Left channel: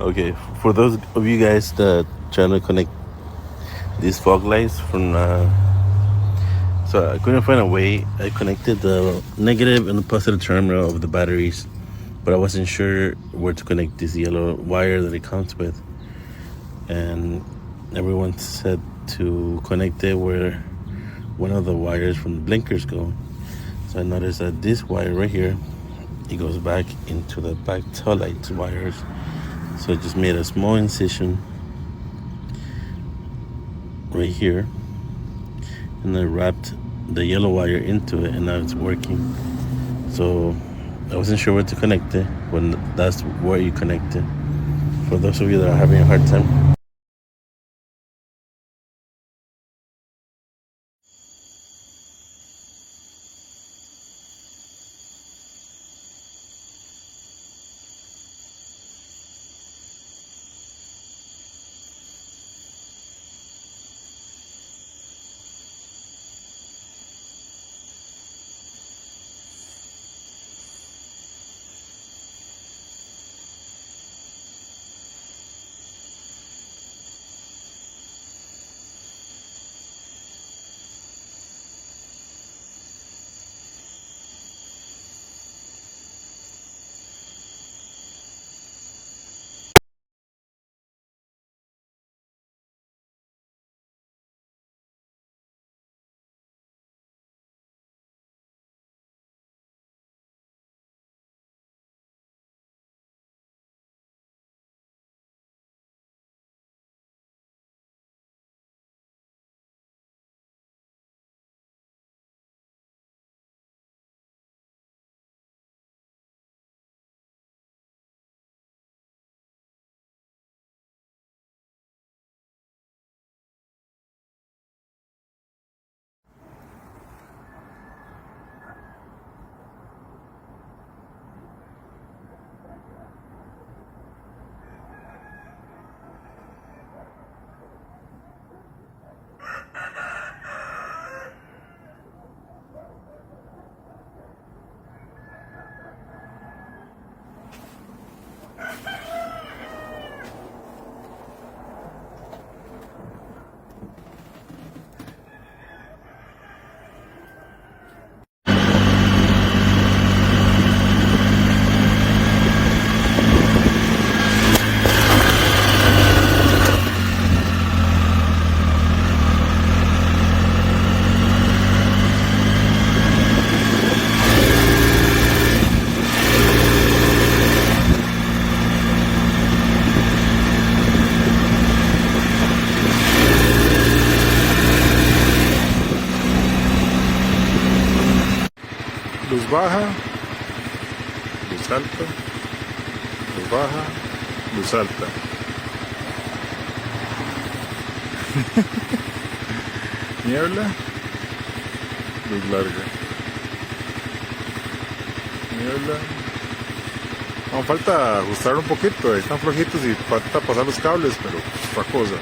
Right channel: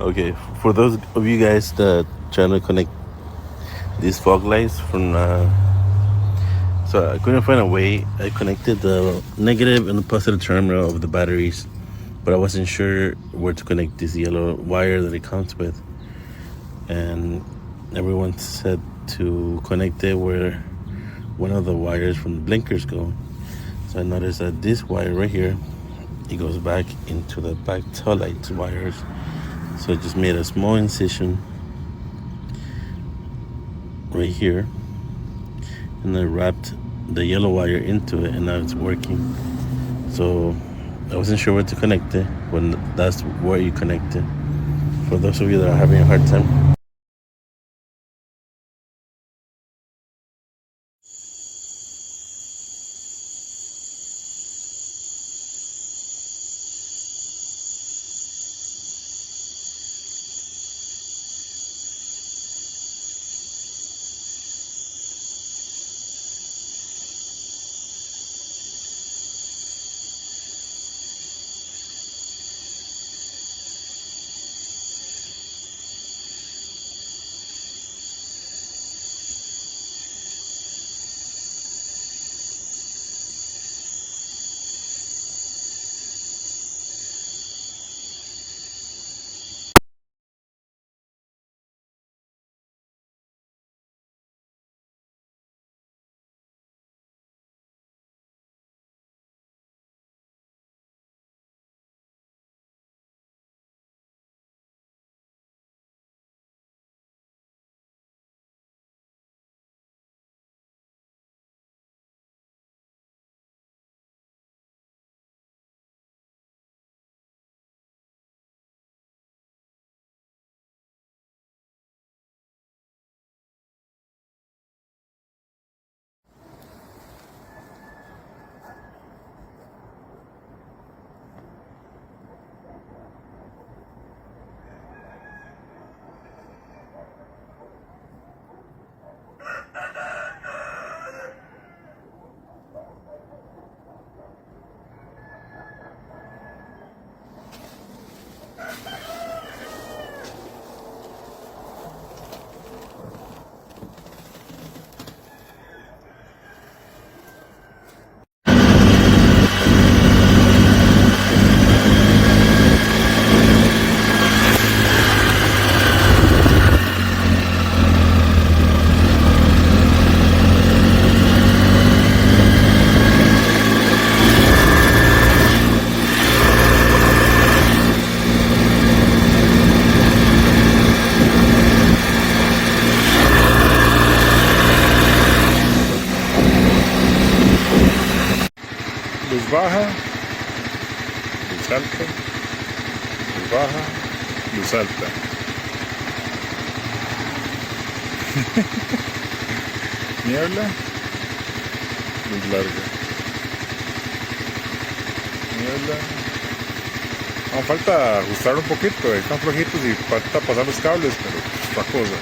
Okay, for those of you guys that trying to connect these fog lights from, so I couldn't find a way. I connected the negative and the positive terminal of the batteries, but I wasn't sure where to connect this yellow wire that it comes with. And everyone said to connect it where one of the wires from the blinkers go. So I noticed that this wire right here, it goes back into the back tail lights wires. So I just made a small incision right here, and I wrapped the yellow wire into it, and now it's working. So I wasn't sure where to connect it, when that's where you connect it. For those of you that are having a hard time, luz baja, luz alta, luz baja, luz alta. Niebla, luz larga. Niebla. Aún falta ajustar un poquito, están flojitos y falta pasar los cables, pero es otra cosa.